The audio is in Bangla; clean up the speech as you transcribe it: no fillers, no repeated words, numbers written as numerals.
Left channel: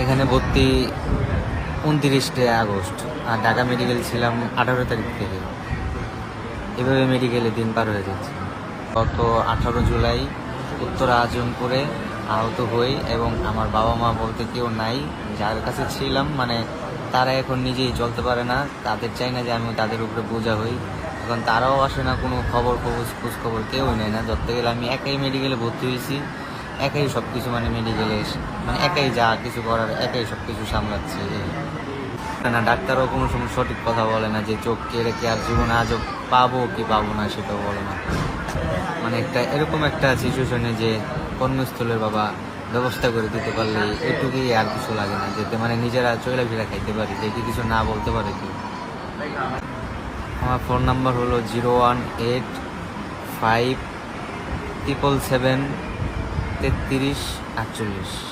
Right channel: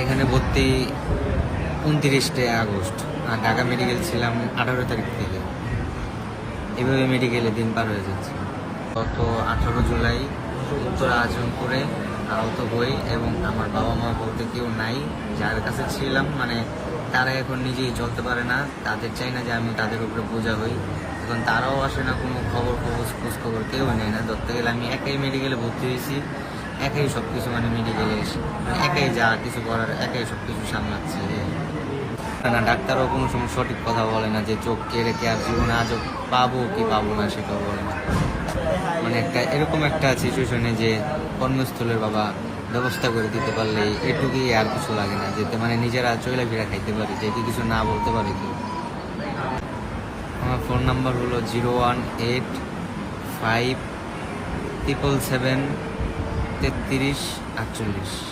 এখানে ভর্তি 29 আগস্ট, আর ঢাকা মেডিকেল ছিলাম 18 তারিখ থেকে। এভাবে মেডিকেলে দিন পার হয়ে যাচ্ছে। গত 18 জুলাই উত্তরা আজমপুরে আহত হই এবং আমার বাবা মা বলতে কেউ নাই। যার কাছে ছিলাম মানে তারা এখন নিজেই চলতে পারে না, তাদের চাই না যে আমি তাদের উপরে বোঝা হই। এখন তারাও আসে না, কোনো খোঁজ খবর কেউই নেয় না। ধরতে গেলে আমি একাই মেডিকেলে ভর্তি হয়েছি, একাই সব কিছু মানে মেডিকেলে মানে একাই যা কিছু করার একাই সব কিছু সামলাচ্ছে। না, ডাক্তারও কোনো সময় সঠিক কথা বলে না যে চোখ কেড়ে কে আর জীবনে আজও পাবো কি পাবো না সেটাও বলে না। মানে এরকম একটা সিচুয়েশনে যে কর্মস্থলের বাবা ব্যবস্থা করে দিতে পারলে এটুকুই, আর কিছু লাগে না, যেতে মানে নিজেরা চলে ফিরে খাইতে পারি, যে কিছু না বলতে পারে কেউ। আমার ফোন নাম্বার হলো 01857773348।